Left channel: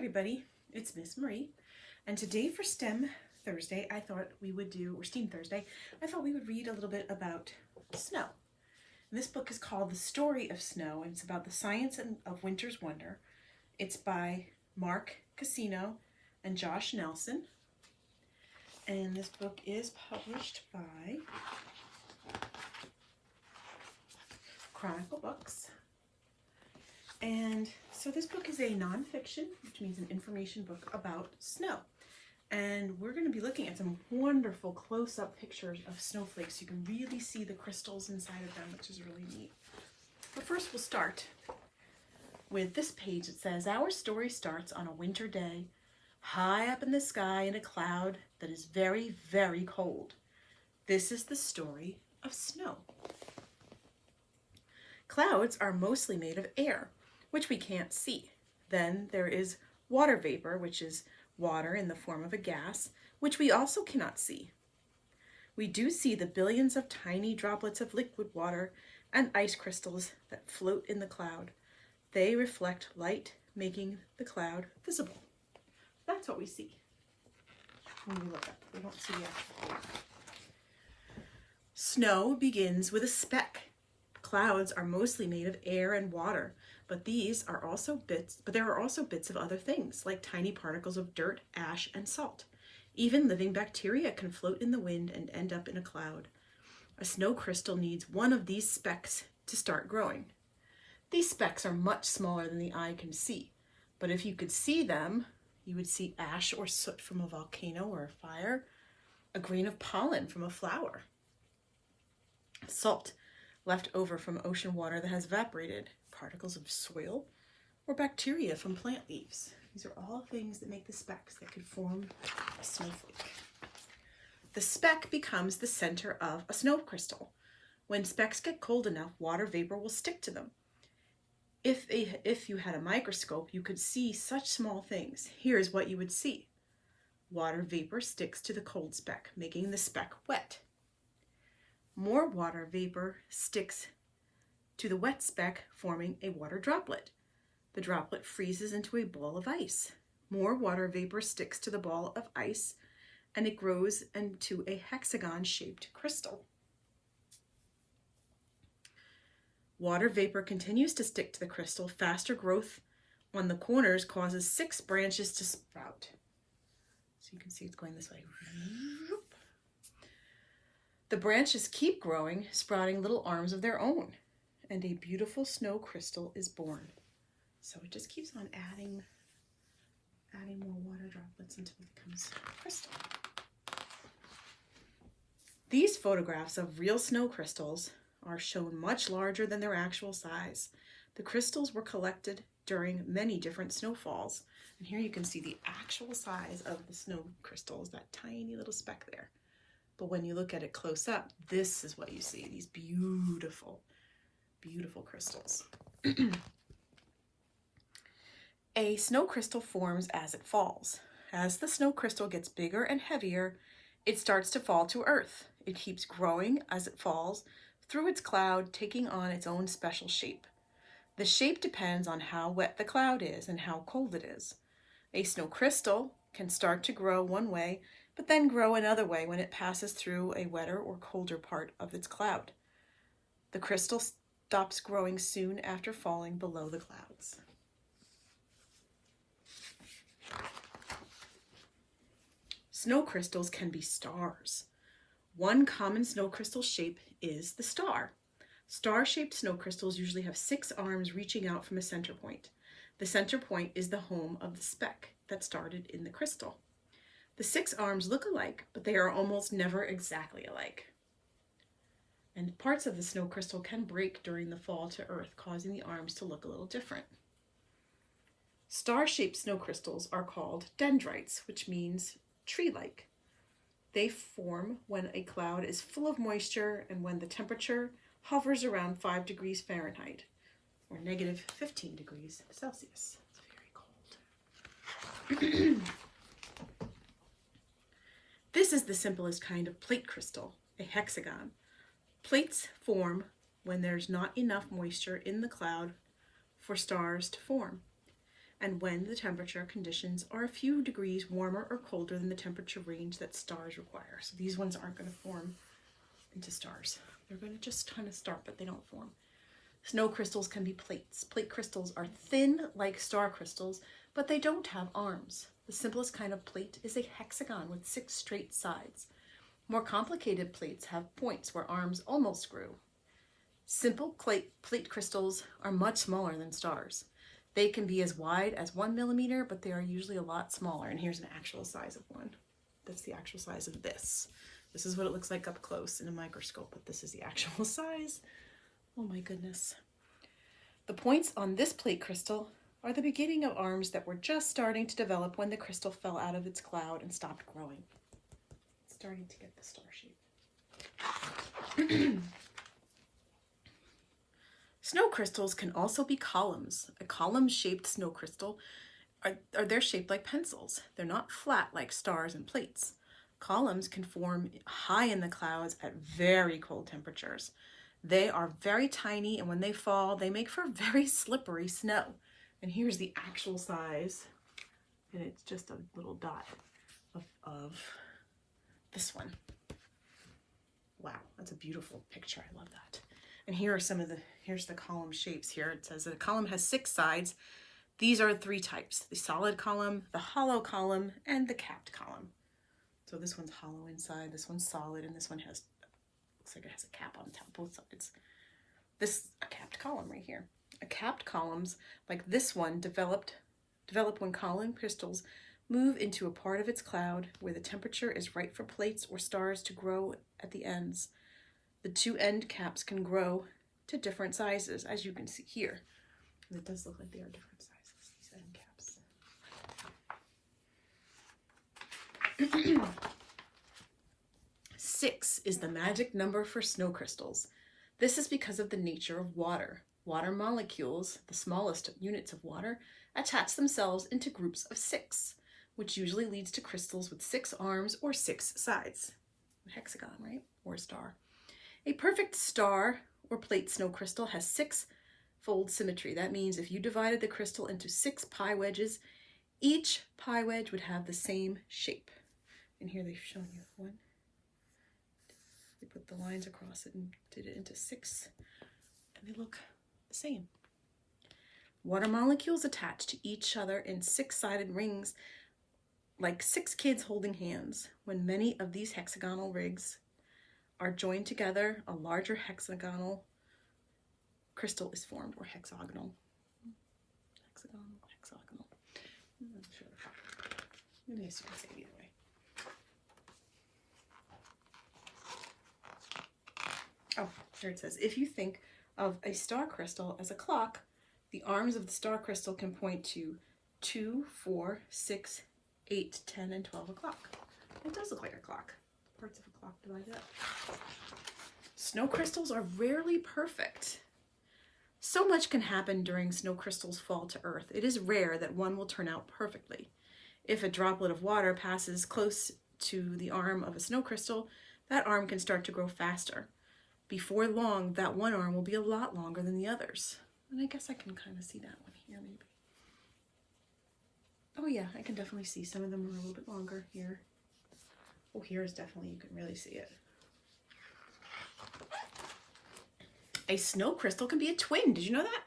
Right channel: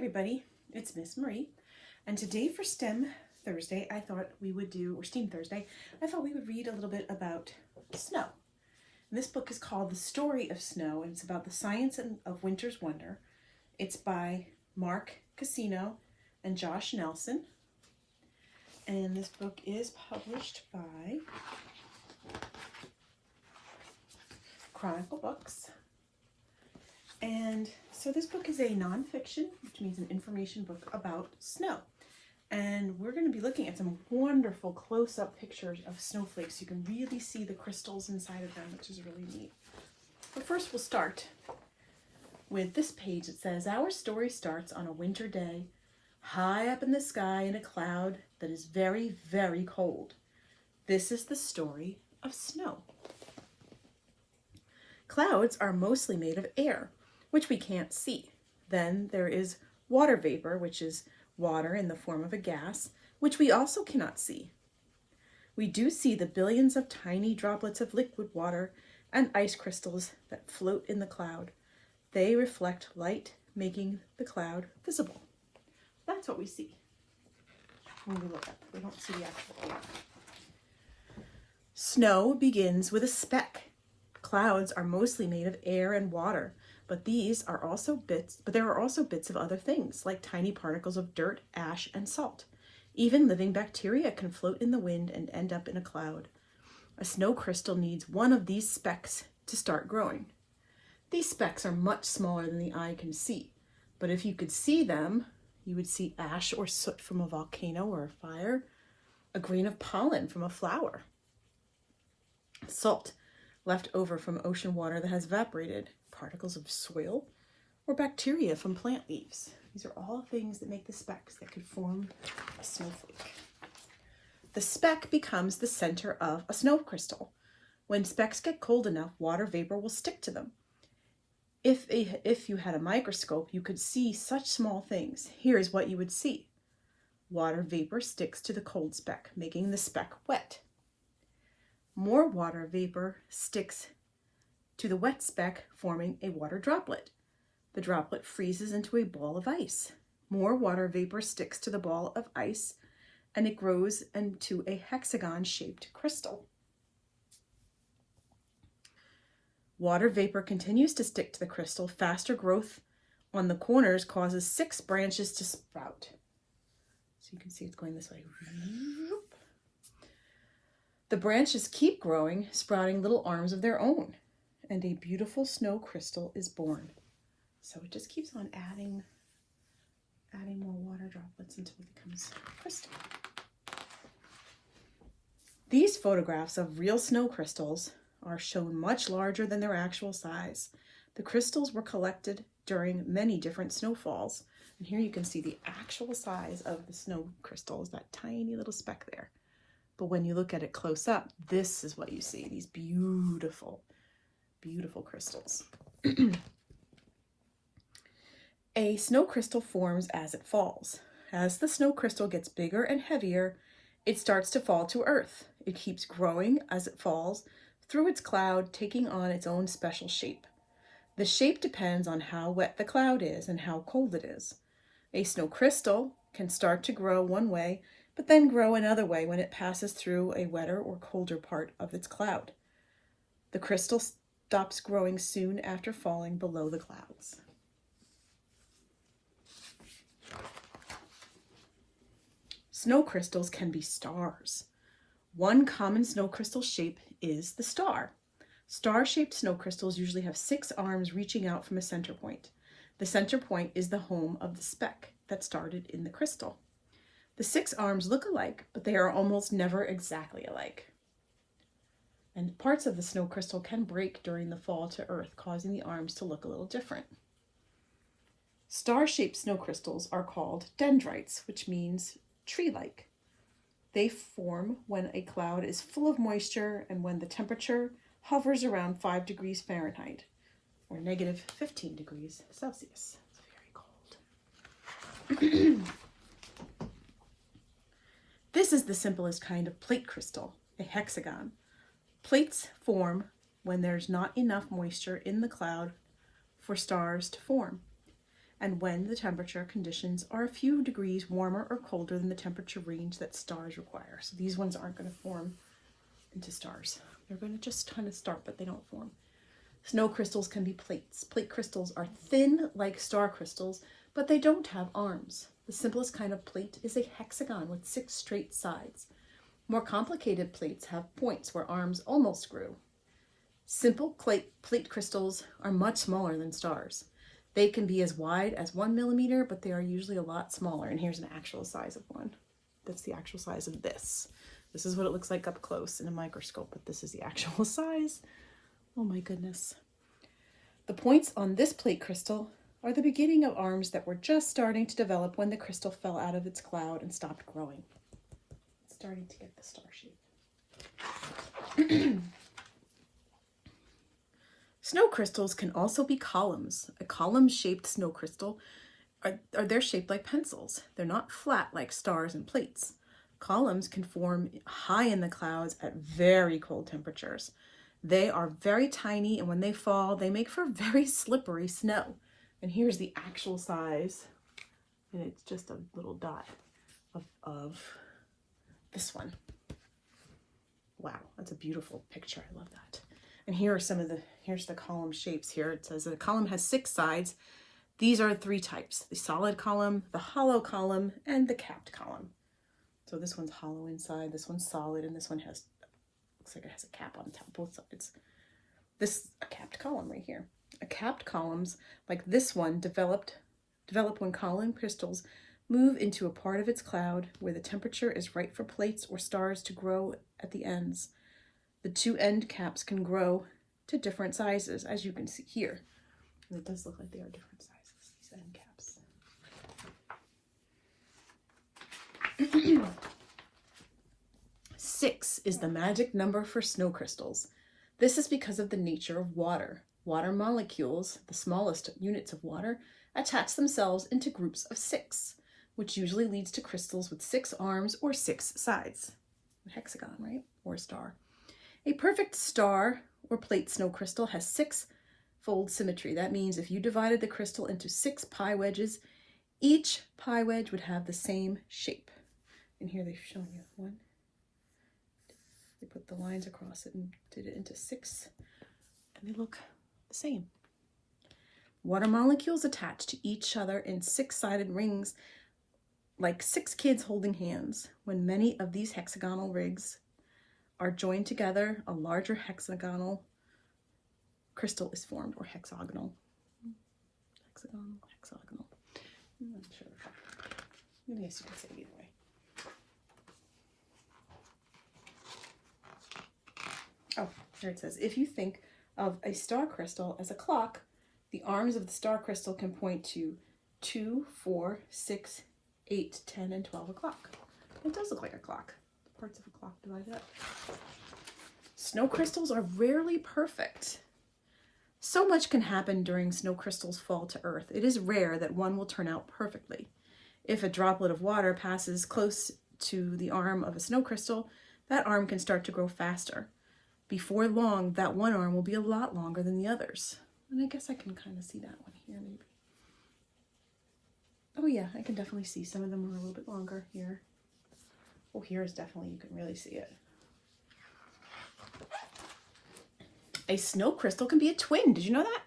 everybody, it's Miss Marie, and today for STEM Thursday, I thought we would do, or STEAM Thursday, I thought we would read a little bit about snow. And this book is called The Story of Snow, and it's about the science of winter's wonder. It's by Mark Cassino and Josh Nelson, and this book is published by Chronicle Books. And so this book is a nonfiction, which means an information book about snow. And we're going to be looking at some wonderful close-up pictures of snowflakes. You can really see the crystals inside of them, which is really neat. But first we'll start with this page. It says, "Our story starts on a winter day, high up in the sky in a cloud that is very, very cold. This is the story of snow." Clouds are mostly made of air, which we can't see. Then there is water vapor, which is water in the form of a gas, which we also cannot see. We do see the billions of tiny droplets of liquid water and ice crystals that float in the cloud. They reflect light, making the cloud visible. That's what we see when we look up. We don't see the actual cloud. Snow begins with a speck. Clouds are mostly made of air and water, but there are also bits of other things, like tiny particles of dirt, ash, and salt. Even living bacteria can float in the wind and end up in a cloud. A snow crystal needs one of these specks to start growing. These specks are much smaller than the eye can see, but if you could see them, you would see ash or soot from a volcano or a fire, a grain of pollen from a flower, salt left over from ocean water that has evaporated, particles of soil, or bacteria from plant leaves. These are all things that make the specks that could form a snowflake. The speck becomes the center of a snow crystal. When specks get cold enough, water vapor will stick to them. If you had a microscope, you could see such small things. Here's what you would see. Water vapor sticks to the cold speck, making the speck wet. More water vapor sticks to the wet speck, forming a water droplet. The droplet freezes into a ball of ice. More water vapor sticks to the ball of ice, and it grows into a hexagon-shaped crystal. Water vapor continues to stick to the crystal. Faster growth on the corners causes 6 branches to sprout. So you can see it's going this way. The branches keep growing, sprouting little arms of their own, and a beautiful snow crystal is born. So it just keeps on adding more water droplets until it becomes a crystal. These photographs of real snow crystals are shown much larger than their actual size. The crystals were collected during many different snowfalls. And here you can see the actual size of the snow crystal is that tiny little speck there. But when you look at it close up, this is what you see, these beautiful, beautiful crystals. A snow crystal forms as it falls. As the snow crystal gets bigger and heavier, it starts to fall to Earth. It keeps growing as it falls through its cloud, taking on its own special shape. The shape depends on how wet the cloud is and how cold it is. A snow crystal can start to grow one way, but then grow another way when it passes through a wetter or colder part of its cloud. The crystal stops growing soon after falling below the clouds. Snow crystals can be stars. One common snow crystal shape is the star. Star-shaped snow crystals usually have 6 arms reaching out from a center point. The center point is the home of the speck that started in the crystal. The 6 arms look alike, but they are almost never exactly alike. And parts of the snow crystal can break during the fall to Earth, causing the arms to look a little different. Star-shaped snow crystals are called dendrites, which means tree-like. They form when a cloud is full of moisture and when the temperature hovers around 5 degrees Fahrenheit, or negative 15 degrees Celsius. It's very cold. This is the simplest kind of plate crystal, a hexagon. Plates form when there's not enough moisture in the cloud for stars to form. and when the temperature conditions are a few degrees warmer or colder than the temperature range that stars require. So these ones aren't going to form into stars. They're going to just kind of start, but they don't form. Snow crystals can be plates. Plate crystals are thin like star crystals, but they don't have arms. The simplest kind of plate is a hexagon with 6 straight sides. More complicated plates have points where arms almost grew. Simple plate crystals are much smaller than stars. They can be as wide as 1 millimeter, but they are usually a lot smaller. And here's an actual size of one. That's the actual size of this. This is what it looks like up close in a microscope, but this is the actual size. Oh my goodness. The points on this plate crystal are the beginning of arms that were just starting to develop when the crystal fell out of its cloud and stopped growing. It's starting to get the star shape. Snow crystals can also be columns. A column-shaped snow crystal they're shaped like pencils. They're not flat like stars and plates. Columns can form high in the clouds at very cold temperatures. They are very tiny, and when they fall, they make for very slippery snow. And here's the actual size, and it's just a little dot of this one. Wow, that's a beautiful picture. I love that. And here are here's the column shapes here. It says that a column has 6 sides. These are 3 types: the solid column, the hollow column, and the capped column. So this one's hollow inside, this one's solid, and this one looks like it has a cap on top, both sides. This a capped column right here. Capped columns like this one develop when column crystals move into a part of its cloud where the temperature is right for plates or stars to grow at the ends. The 2 end caps can grow to different sizes, as you can see here. And it does look like they are different sizes, these end caps. 6 is the magic number for snow crystals. This is because of the nature of water. Water molecules, the smallest units of water, attach themselves into groups of 6, which usually leads to crystals with 6 arms or 6 sides. A hexagon, right? Or a star. A perfect star or plate snow crystal has 6-fold symmetry. That means if you divided the crystal into 6 pie wedges, each pie wedge would have the same shape. And here they've shown you one. They put the lines across it and did it into 6, and they look the same. Water molecules attach to each other in 6-sided rings, like 6 kids holding hands. When many of these hexagonal rings are joined together, a larger hexagonal crystal is formed, or hexagonal. Hexagonal. I'm not sure. Maybe I should say it either way. Oh, here it says, if you think of a star crystal as a clock, the arms of the star crystal can point to 2, 4, 6, 8, 10, and 12 o'clock. It does look like a clock. Parts of a clock divided up. Snow crystals are rarely perfect. So much can happen during snow crystals' fall to Earth. It is rare that one will turn out perfectly. If a droplet of water passes close to the arm of a snow crystal, that arm can start to grow faster. Before long, that one arm will be a lot longer than the others. And I guess I can kind of see that one here, maybe. Oh yeah, I can definitely see some of them are a little bit longer here. Oh, here is definitely, you can really see it. A snow crystal can be a twin. Did you know that?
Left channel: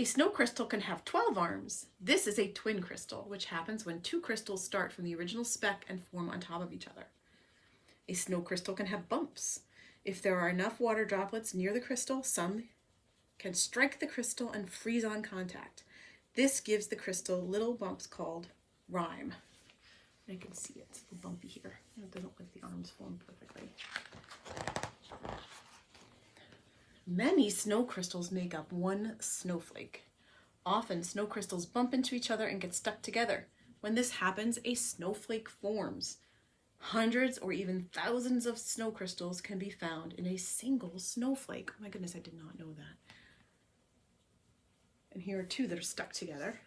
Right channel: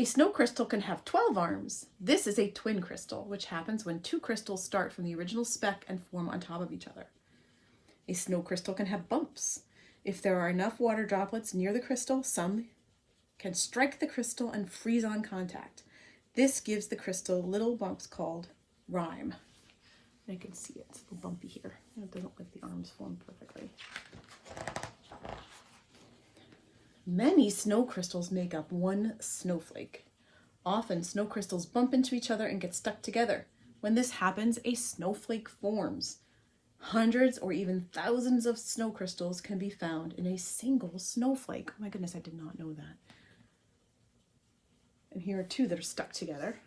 A snow crystal can have 12 arms. This is a twin crystal, which happens when 2 crystals start from the original speck and form on top of each other. A snow crystal can have bumps. If there are enough water droplets near the crystal, some can strike the crystal and freeze on contact. This gives the crystal little bumps called rime. I can see it's a little bumpy here. It doesn't look like the arms form perfectly. Many snow crystals make up one snowflake. Often snow crystals bump into each other and get stuck together. When this happens, a snowflake forms. Hundreds or even thousands of snow crystals can be found in a single snowflake. Oh my goodness, I did not know that. And here are 2 that are stuck together.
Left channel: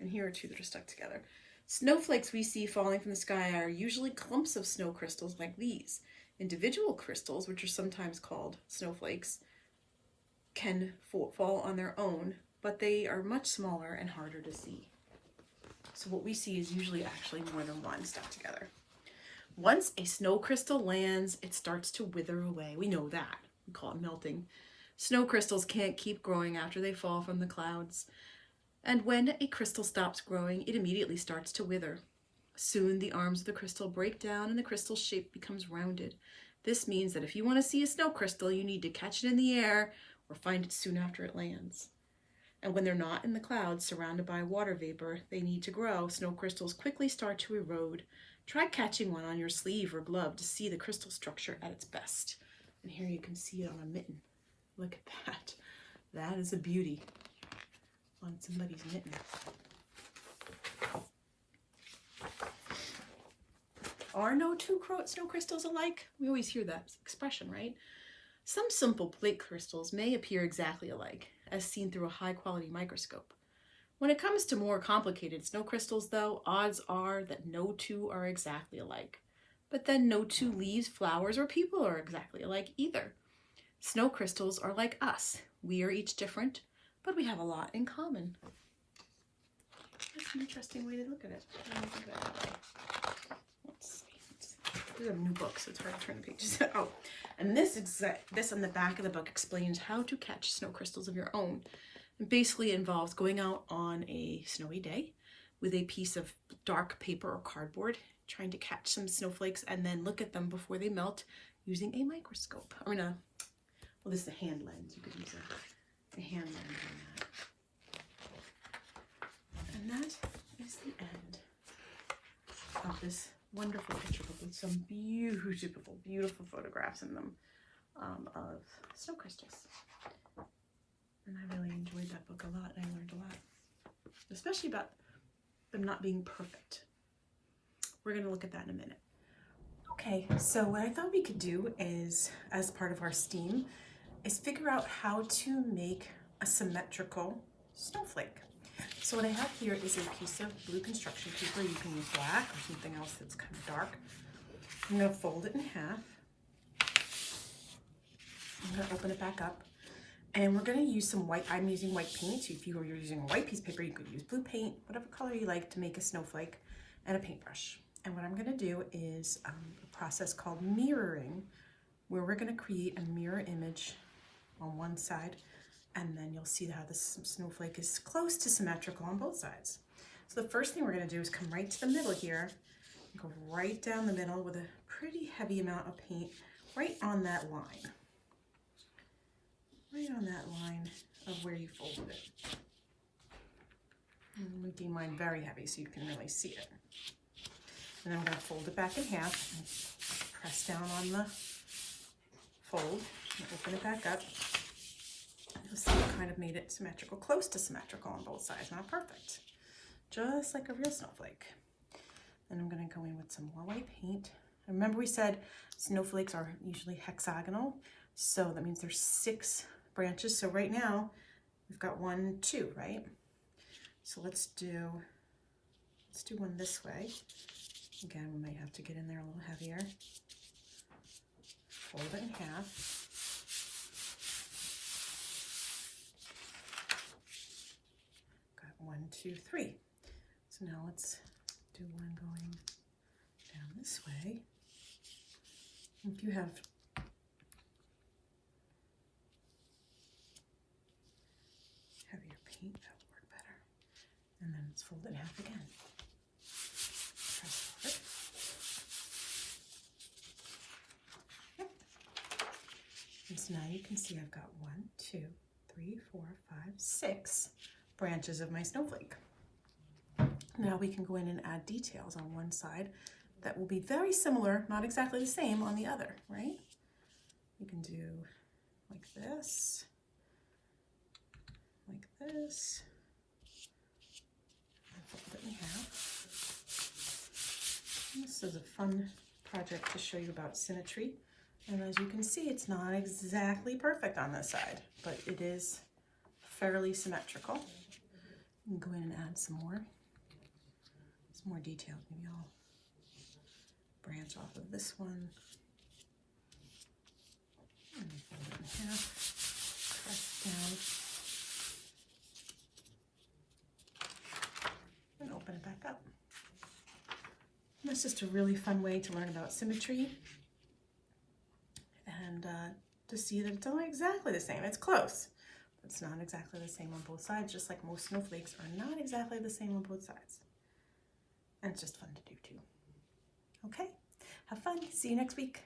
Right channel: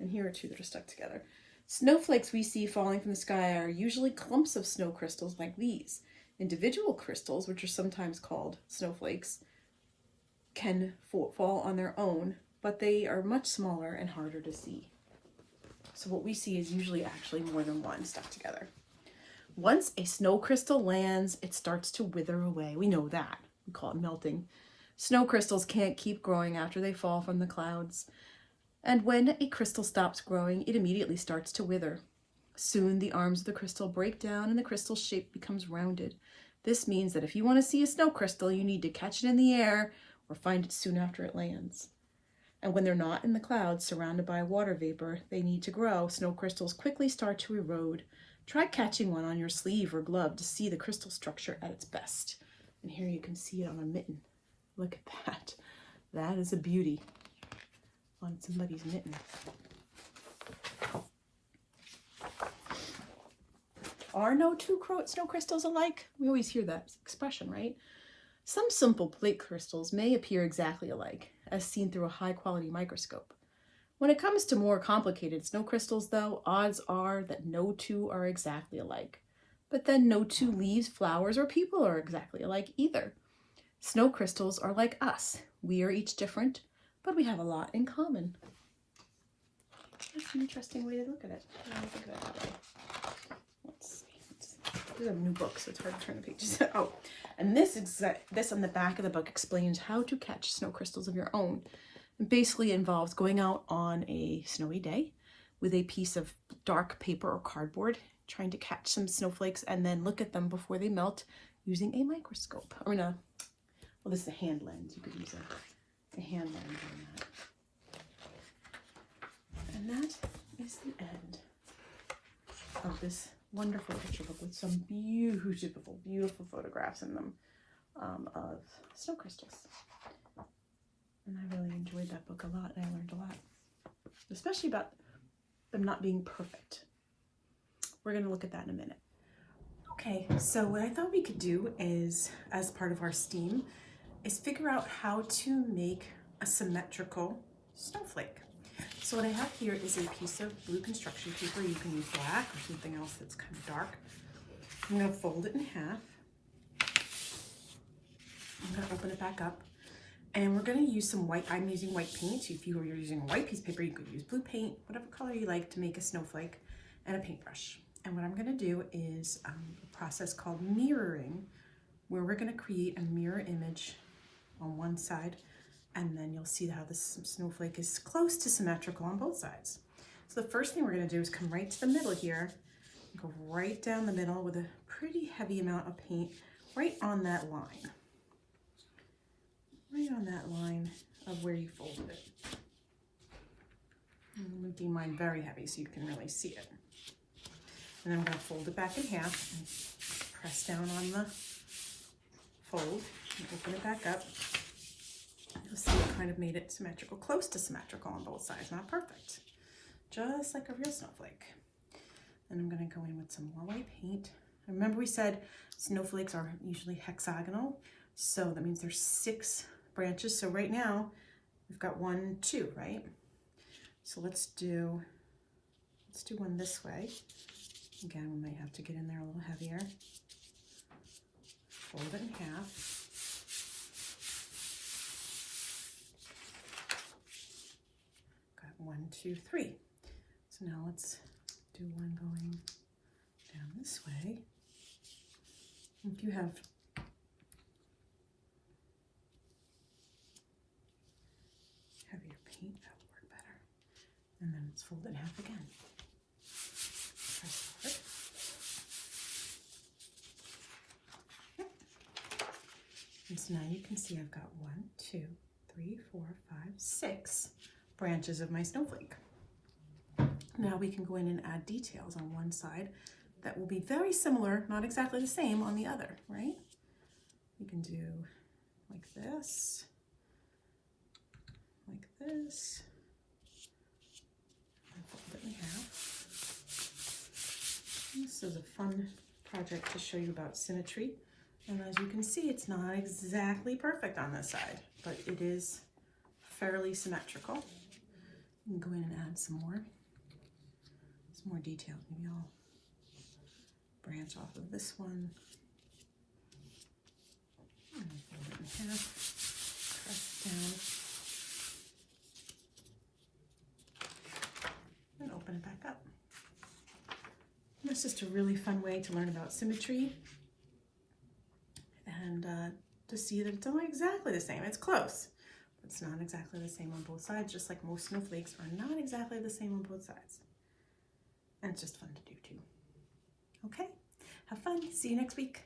And here are 2 that are stuck together. Snowflakes we see falling from the sky are usually clumps of snow crystals like these. Individual crystals, which are sometimes called snowflakes, can fall on their own, but they are much smaller and harder to see. So what we see is usually actually more than one stuck together. Once a snow crystal lands, it starts to wither away. We know that. We call it melting. Snow crystals can't keep growing after they fall from the clouds. And when a crystal stops growing, it immediately starts to wither. Soon the arms of the crystal break down and the crystal shape becomes rounded. This means that if you want to see a snow crystal, you need to catch it in the air or find it soon after it lands. And when they're not in the clouds surrounded by water vapor they need to grow, snow crystals quickly start to erode. Try catching one on your sleeve or glove to see the crystal structure at its best. And here you can see it on a mitten. Look at that. That is a beauty on somebody's mitten. Are no two snow crystals alike? We always hear that expression, right? Some simple plate crystals may appear exactly alike, as seen through a high-quality microscope. When it comes to more complicated snow crystals, though, odds are that no two are exactly alike. But then no two leaves, flowers, or people are exactly alike either. Snow crystals are like us. We are each different, but we have a lot in common. That's an interesting way to look at it. I don't think of it that way. Let's see. We have a new book, so it's hard to turn the pages. Oh, and this on the back of the book explains how to catch snow crystals of your own. It basically involves going out on a snowy day with a piece of dark paper or cardboard, trying to catch some snowflakes and then look at them before they melt using a microscope. Well, this is a hand lens. You could use a hand lens on that. And that is the end of this wonderful picture book with some beautiful, beautiful photographs in them of snow crystals. And I really enjoyed that book a lot, and I learned a lot, especially about them not being perfect. We're going to look at that in a minute. Okay, so what I thought we could do is, as part of our STEAM, is figure out how to make a symmetrical snowflake. So what I have here is a piece of blue construction paper. You can use black or something else that's kind of dark. I'm going to fold it in half. I'm going to open it back up. And we're going to use some white. I'm using white paint. So if you were using a white piece of paper, you could use blue paint, whatever color you like to make a snowflake, and a paintbrush. And what I'm going to do is a process called mirroring, where we're going to create a mirror image on one side, and then you'll see how this snowflake is close to symmetrical on both sides. So the first thing we're going to do is come right to the middle here, go right down the middle with a pretty heavy amount of paint right on that line. Right on that line of where you folded it. I'm making mine very heavy so you can really see it. And then I'm going to fold it back in half and press down on the fold and open it back up. You'll see it kind of made it symmetrical, close to symmetrical on both sides, not perfect. Just like a real snowflake. Then I'm going to go in with some more white paint. Remember we said snowflakes are usually hexagonal, so that means there's 6 branches. So right now we've got 1, 2, right? So let's do one this way. Again, we might have to get in there a little heavier. Fold it in half. Got 1, 2, 3. So now let's do one going down this way. If you have heavier paint, that would work better. And then let's fold it in half again. Press forward. Yep. And so now you can see I've got 1, 2, 3, 4, 5, 6 branches of my snowflake. Now we can go in and add details on one side that will be very similar, not exactly the same on the other, right? We can do like this, and fold it in half. And this is a fun project to show you about symmetry. And as you can see, it's not exactly perfect on this side, but it is fairly symmetrical. You can go in and add some more detail. Maybe I'll branch off of this one. And fold it in half, press down, It's just a really fun way to learn about symmetry and to see that it's not exactly the same. It's close, but it's not exactly the same on both sides, just like most snowflakes are not exactly the same on both sides. And it's just fun to do too. Okay, have fun. See you next week.